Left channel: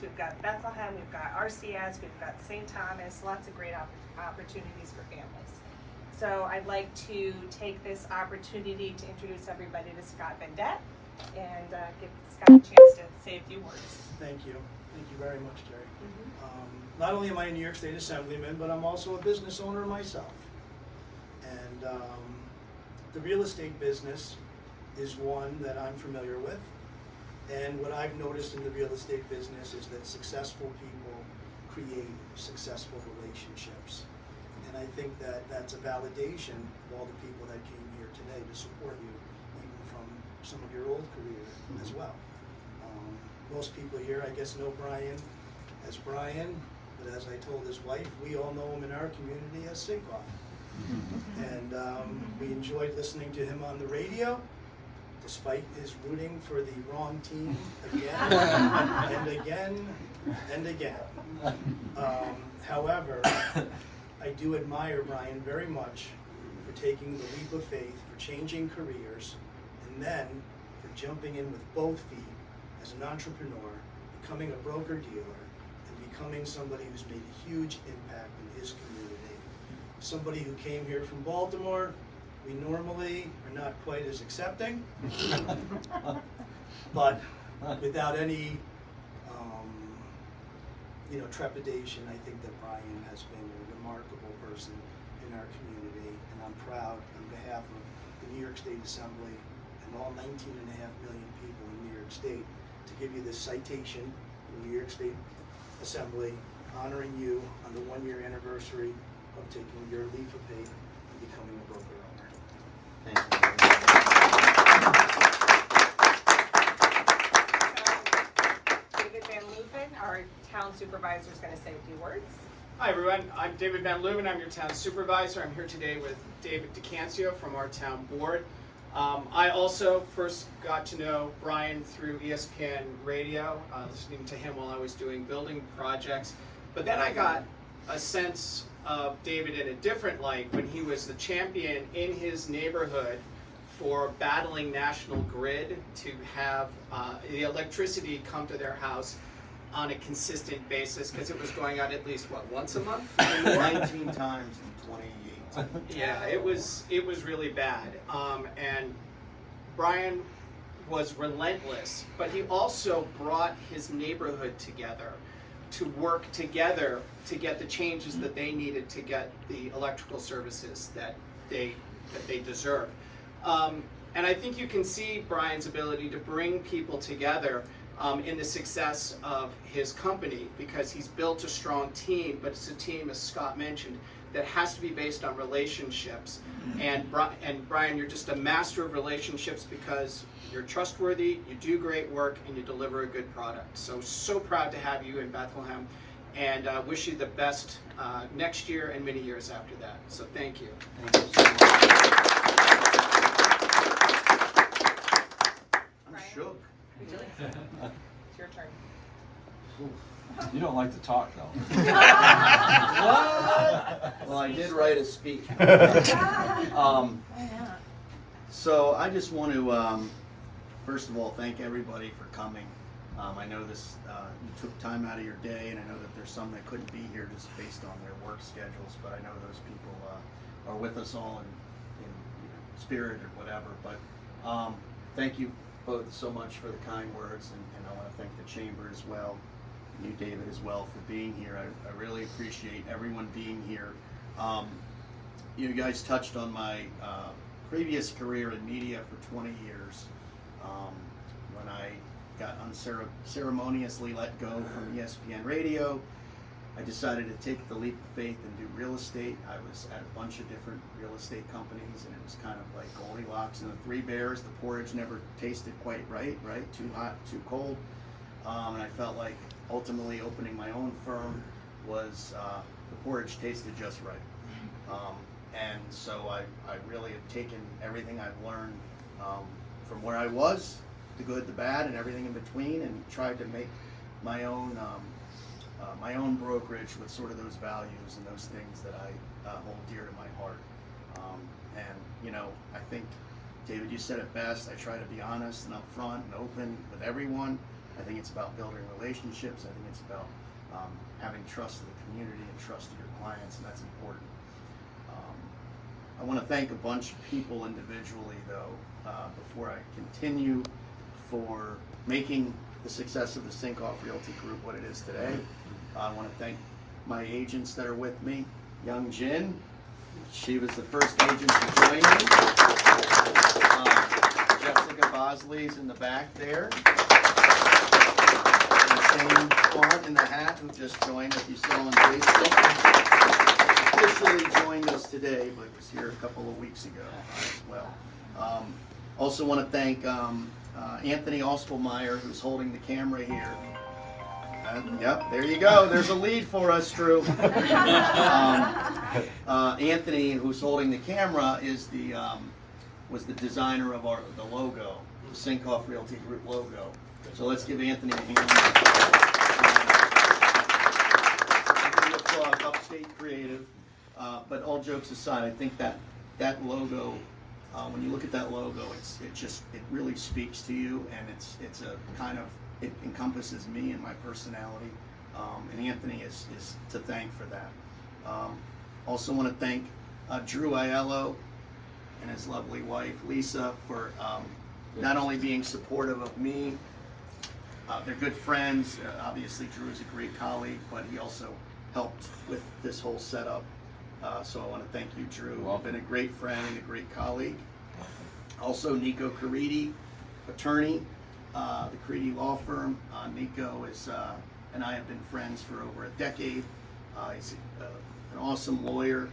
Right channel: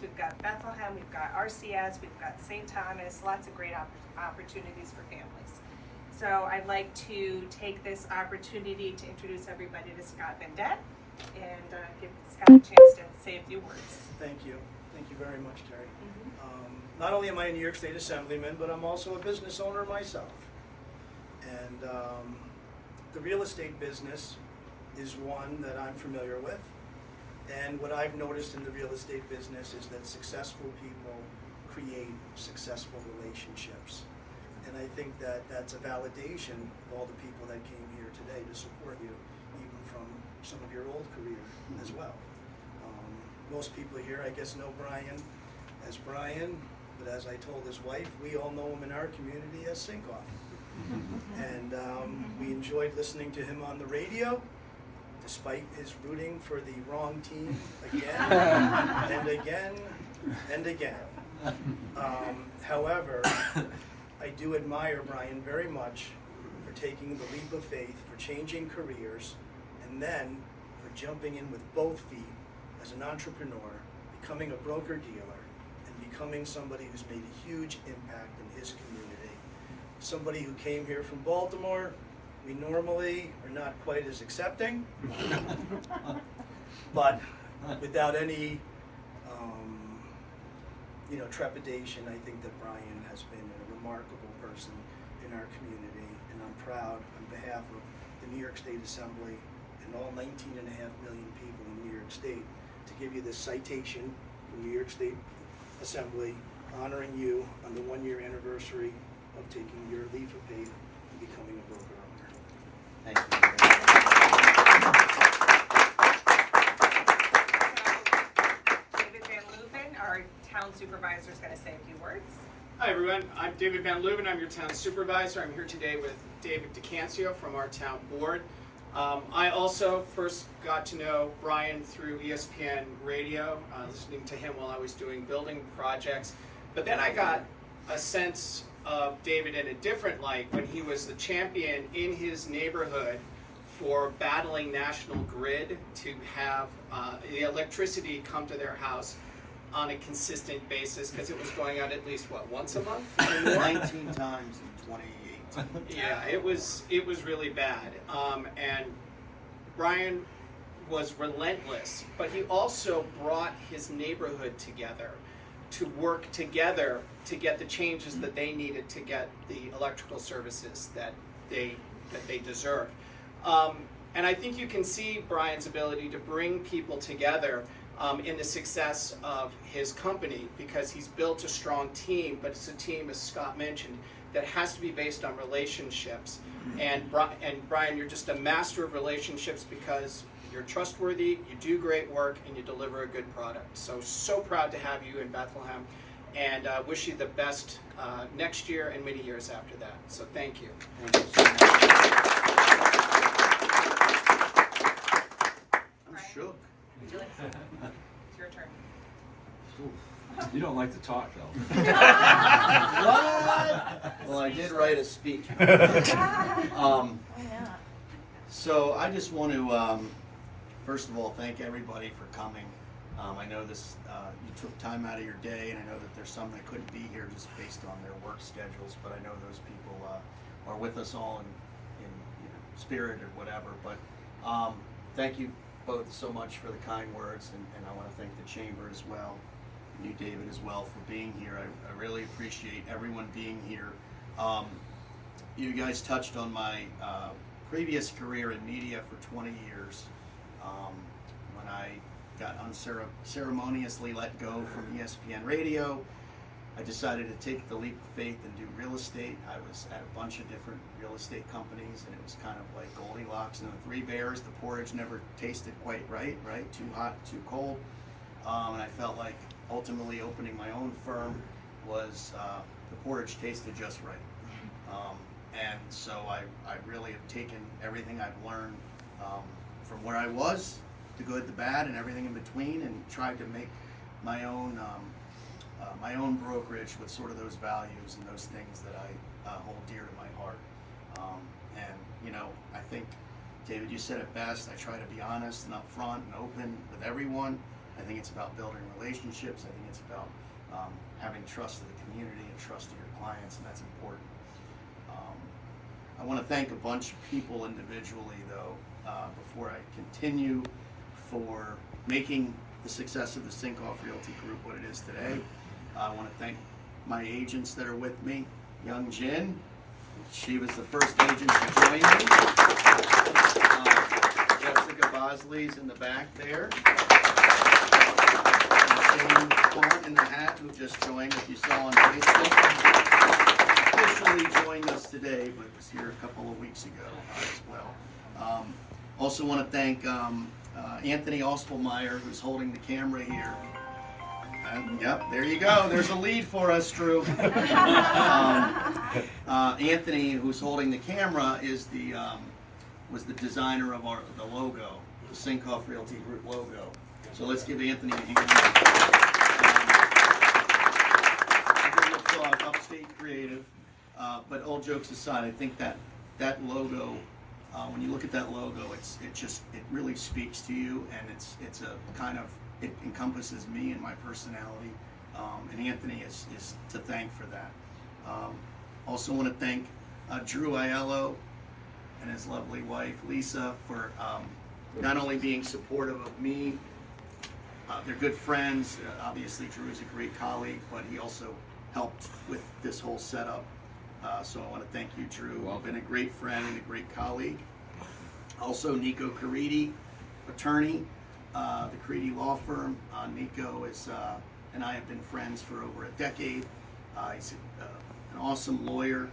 Hills, we've got Bethlehem, we've got RCS, we've got St. Thomas, lots of great opportunities for families. So I'd like to take this opportunity to introduce everybody to Scott Vendette and give Scott a chance to say a few words. Thank you. Thank you very much, Terry. Not only am I a New York State Assemblyman, but I'm also a business owner myself. And the real estate business is one that I'm familiar with. And what I've noticed in the real estate business is that successful people create successful relationships. And I think that that's a validation of all the people that came here today to support you, even from some of your old career as well. Most people here, I guess, know Brian as Brian, but as I told his wife, we all know him in our community as Sinkoff. And we enjoyed listening to him on the radio, despite his rooting for the wrong team again and again and again. However, I do admire Brian very much for taking the leap of faith, for changing careers, and then for jumping in with both feet as an entrepreneur, becoming a broker-dealer, and becoming somebody who's made a huge impact in his community. Somebody who came here from Baltimore. We normally are not quite as accepting, but without any trepidation, I think that Brian has been a remarkable person in our community, and I'm proud on behalf of the New York State Assembly and all 19.5 million people in New York State to give you this citation from New York State Assembly honoring you on the 1-year anniversary of taking your leap of faith and becoming a broker owner. Thank you. David Van Leuven, our town supervisor, is going to say a few words. Hi everyone, I'm David Van Leuven. I'm your town supervisor. I'm here today with David DeCancio from our town board. I also first got to know Brian through ESPN radio, listening to him while I was doing building projects. But then I got a sense of David in a different light when he was the champion in his neighborhood for battling National Grid to have the electricity come to their house on a consistent basis, because it was going out at least, what, once a month? 19 times in 2018. Yeah, it was really bad. And Brian was relentless, but he also brought his neighborhood together to work together to get the changes that they needed to get the electrical services that they deserve. And I think you can see Brian's ability to bring people together in the success of his company, because he's built a strong team, but it's a team, as Scott mentioned, that has to be based on relationships. And Brian, you're just a master of relationships because you're trustworthy, you do great work, and you deliver a good product. So proud to have you in Bethlehem, and wish you the best next year and many years after that. So thank you. I'm shook. It's your turn. You don't like to talk, though. What? Well, I did write a speech. So I just want to, first of all, thank everybody for coming. I know this, you took time out of your day, and I know that there's some that couldn't be here just based on their work schedules, but I know those people are with us all in spirit or whatever. But thank you both so much for the kind words, and I want to thank the chamber as well, you, David, as well, for being here. I really appreciate everyone being here. You guys touched on my previous career in media for 20 years. When I got unceremoniously let go from ESPN radio, I decided to take the leap of faith and do real estate. I was at a bunch of different real estate companies, and it was kind of like Goldilocks and the Three Bears. The porridge never tasted quite right? Too hot, too cold. And I felt like ultimately opening my own firm was, the porridge tasted just right. And so I really have taken everything I've learned from where I was, the good, the bad, and everything in between, and tried to make my own brokerage with sort of those values and those things that I hold dear to my heart. And I think, David, you said it best. I try to be honest and upfront and open with everyone. I think it's about building relationships. I think it's about having trust of the community and trust of your clients, and that's important. I want to thank a bunch of people individually, though, before I continue, for making the success of the Sinkoff Realty Group what it is today. I want to thank my agents that are with me. Young Jin, she was the first agent to join me. Jessica Bosley's in the back there. And Shane Quant in the hat, who just joined, if you saw on Facebook. Officially joined us today, but was here a couple of weeks ago as well. Also want to thank Anthony Ospelmeyer, who's holding the camera here. Yep, there you go. There's a lead for us, Drew. Anthony, who's holding the camera, is was the designer of the logo, the Sinkoff Realty Group logo. So let's give Anthony a hand. Upstate Creative. But all jokes aside, I think that logo, when you look at that logo, it really speaks to you, and it's a kind of, it encompasses me and my personality, and Anthony is to thank for that. Also want to thank Drew Aiello and his lovely wife Lisa for not only being supportive of me, they're good friends. Obviously Drew is a great colleague, but he also helped with this whole setup. So I want to thank you, Drew. You've been a great friend and a great colleague. Also, Nico Caridi, attorney, the Caridi Law Firm. Nico and I have been friends for over a decade. He's an awesome lawyer,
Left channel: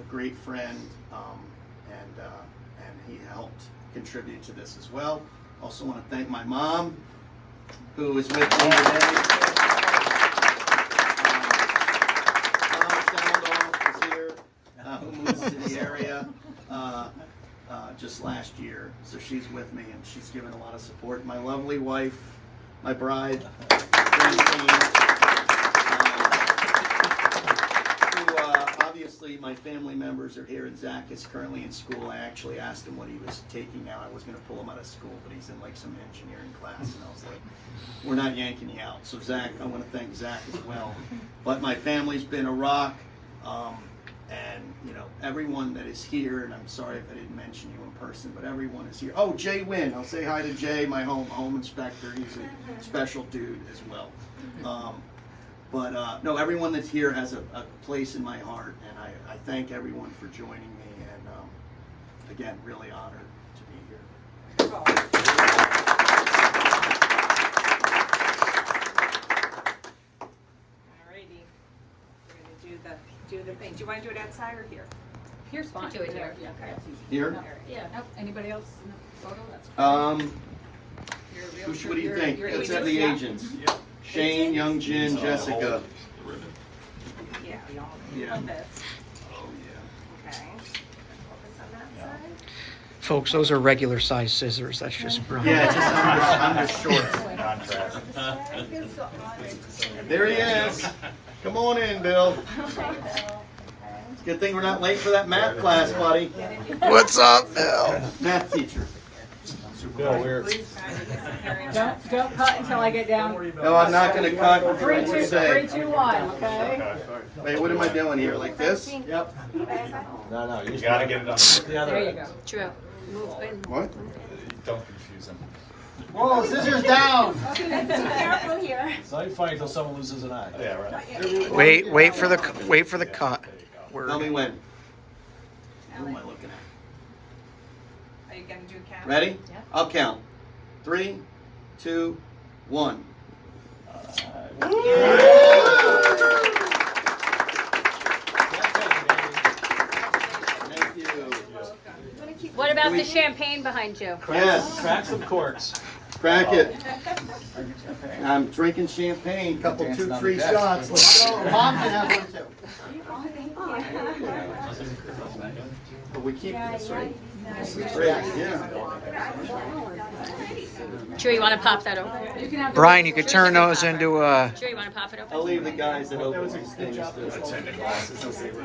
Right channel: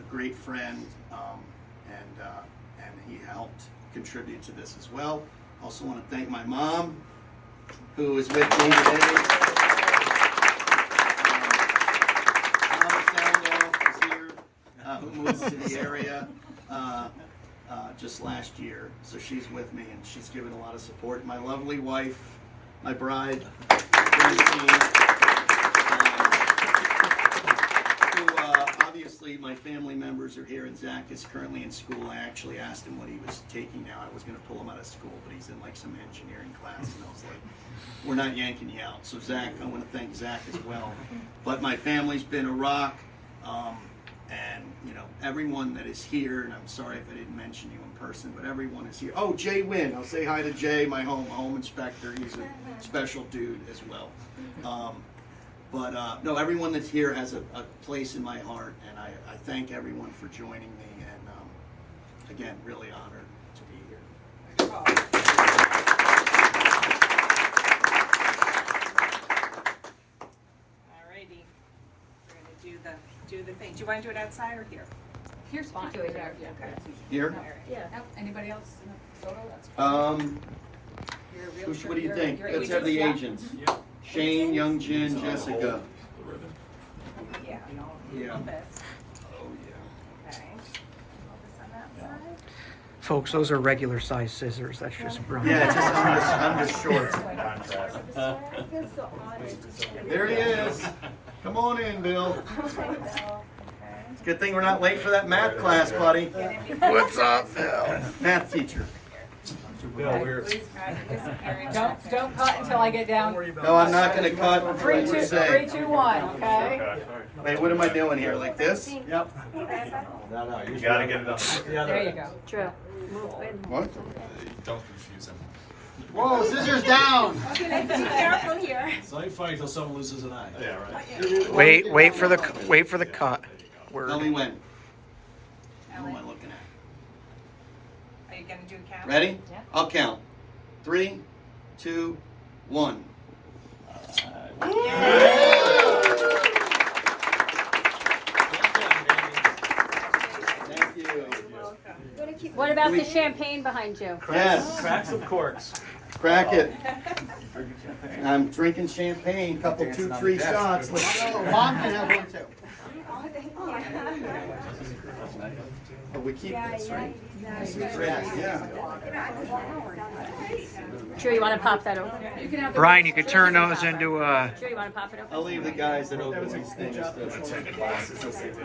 a great friend, and he helped contribute to this as well. Also want to thank my mom, who is with me today. Who moved to the area just last year, so she's with me and she's given a lot of support. My lovely wife, my bride, Francine, who obviously my family members are here, and Zach is currently in school. I actually asked him what he was taking now. I was going to pull him out of school, but he's in like some engineering class, and I was like, we're not yanking you out. So Zach, I want to thank Zach as well. But my family's been a rock. And, you know, everyone that is here, and I'm sorry if I didn't mention you in person, but everyone is here. Oh, Jay Wynn. I'll say hi to Jay, my home inspector. He's a special dude as well. No, everyone that's here has a place in my heart, and I thank everyone for joining me, and again, really honored to be here. Alrighty, we're gonna do the thing. Do you want to do it outside or here? Here's fine. Do it there. Yeah. Okay. Here? Yeah. Nope. Anybody else in the photo? That's great. What do you think? Let's have the agents. Shane, Young Jin, Jessica. Yeah. Yeah. Love this. Oh, yeah. Okay. Focus on that side. Folks, those are regular size scissors. That's just brown. Yeah, just under shorts. There he is. Come on in, Bill. It's a good thing we're not late for that math class, buddy. What's up, Bill? Math teacher. Don't cut until I get down. No, I'm not going to cut until you 3, say. 2, 1. Okay. Wait, what am I doing here? Like this? No, you gotta get it up. There you go. True. What? Don't confuse him. Whoa, scissors down! Be careful here. It's not funny until someone loses an eye. Yeah, right. Wait for the cut. Tell me when. Who am I looking at? Are you gonna do a count? Ready? Yeah. I'll count. 3, 2, 1. Thank you. What about the champagne behind you? Yes. Crack some corks. Crack it. I'm drinking champagne, couple, 2, 3 shots. Let's go. Mom can have one too. But we keep this, right? Yeah. Joe, you want to pop that open? Brian, you could turn those into Joe, you want to pop it I'll open? leave the guys that open these things.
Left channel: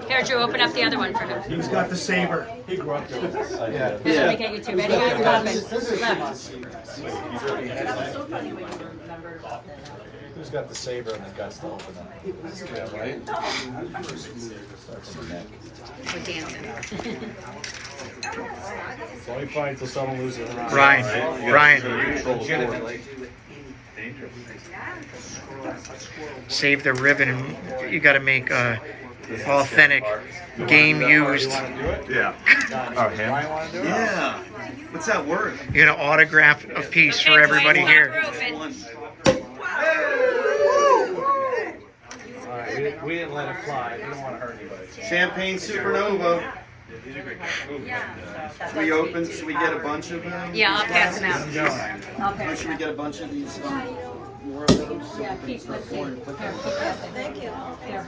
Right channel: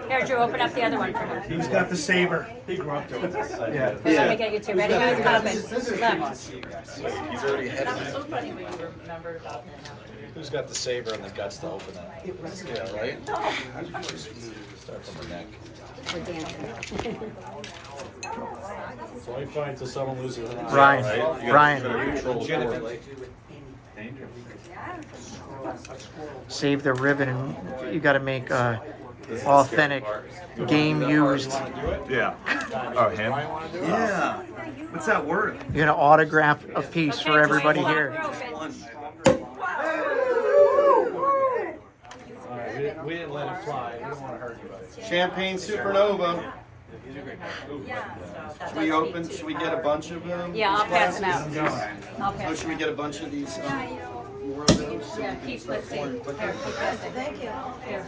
Here, Joe, open up the other one for him. Who's got the saber? Here, let me get you two. Ready, guys? Pop it. Left. He's already had it. Who's got the saber and the guts to open it? Yeah, right? Start from the neck. We're dancing. It's only fine until someone loses an eye. Ryan, right? You Ryan. gotta control the board. save the ribbon. And you got to make authentic game used. Yeah. Oh, him? Yeah. What's that word? You're gonna autograph a piece for everybody here. One. Alright, we didn't let it fly. We don't want to hurt anybody. Champagne Supernova. Should we get a bunch of them? Yeah, I'll pass them out. I'll Oh, pass should them we out. get a bunch of these? More of those? So we Yeah, can keep, start let's see. pouring quicker? Here, pass them. Here.